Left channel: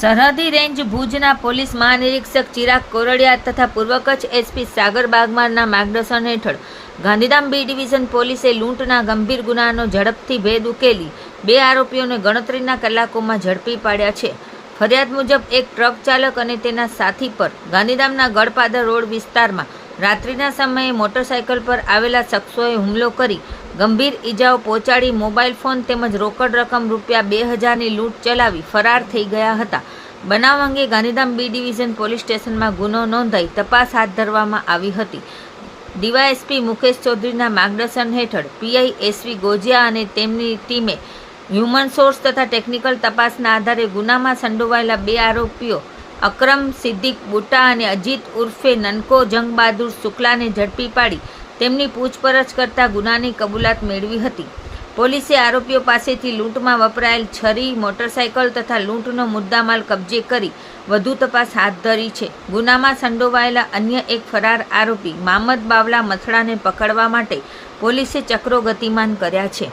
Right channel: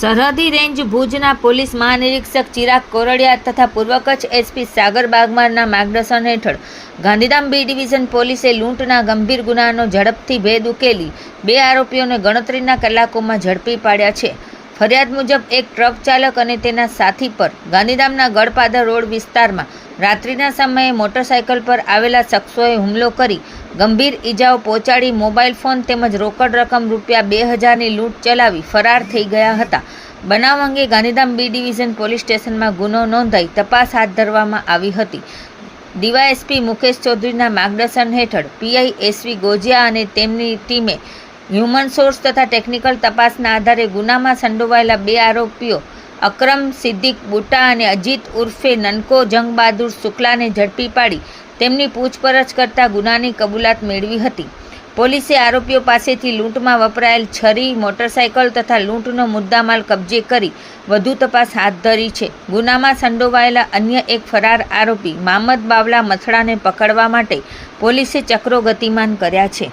સરહદી રેન્જ ભુજના પોલીસ મહાનિરીક્ષક ચિરાગ કોરડિયા તથા પૂર્વ કચ્છ એસપી સાગર બાગમારના માર્ગદર્શન હેઠળ ગાંધીધામ બી ડિવિઝન પોલીસે લૂંટના ગંભીર ગુનાનો ઝડપથી ભેદ ઉકેલી 2 આરોપીઓને ગણતરીના કલાકોમાં ઝડપી પાડ્યા છે. ફરિયાદ મુજબ એક ટ્રક ચાલક અને તેના સાથી પર ગાંધીધામના ગળપાદર રોડ વિસ્તારમાં રાત્રિના સમયે મોટરસાયકલ પર આવેલા શખ્સોએ હુમલો કરી ગંભીર ઈજાઓ પહોંચાડી મોબાઈલ ફોન તેમજ રોકડ રકમ રૂપિયા 2000ની લૂંટ ચલાવી ફરાર થઈ ગયા હતા. બનાવ અંગે ગાંધીધામ બી ડિવિઝન પોલીસ સ્ટેશનમાં ગુનો નોંધાઈ તપાસ હાથ ધરવામાં આવી હતી. ડીવાયએસપી મુકેશ ચૌધરીના માર્ગદર્શન હેઠળ પીઆઈ એસવી ગોજિયા અને તેમની ટીમે હ્યુમન સોર્સ તથા ટેકનિકલ તપાસના આધારે ગુનામાં સંડોવાયેલા 2 આરોપીઓ અકરમ સિદ્દીક બુટા અને અજીત ઉર્ફે નનકો જંગ બહાદુર શુક્લાને ઝડપી પાડી તેમની પૂછપરછ કરતા ગુનાની કબૂલાત મેળવી હતી. પોલીસે આરોપીઓ પાસેથી લૂંટમાં વપરાયેલ છરી, મોટરસાયકલ તથા લૂંટનો મુદ્દામાલ કબજે કરી વધુ તપાસ હાથ ધરી છે. ગુનામાં સંડોવાયેલા અન્ય એક ફરાર આરોપી મામદ બાવલા મથડાને પકડવા માટે પોલીસે ચક્રો ગતિમાન કર્યા છે.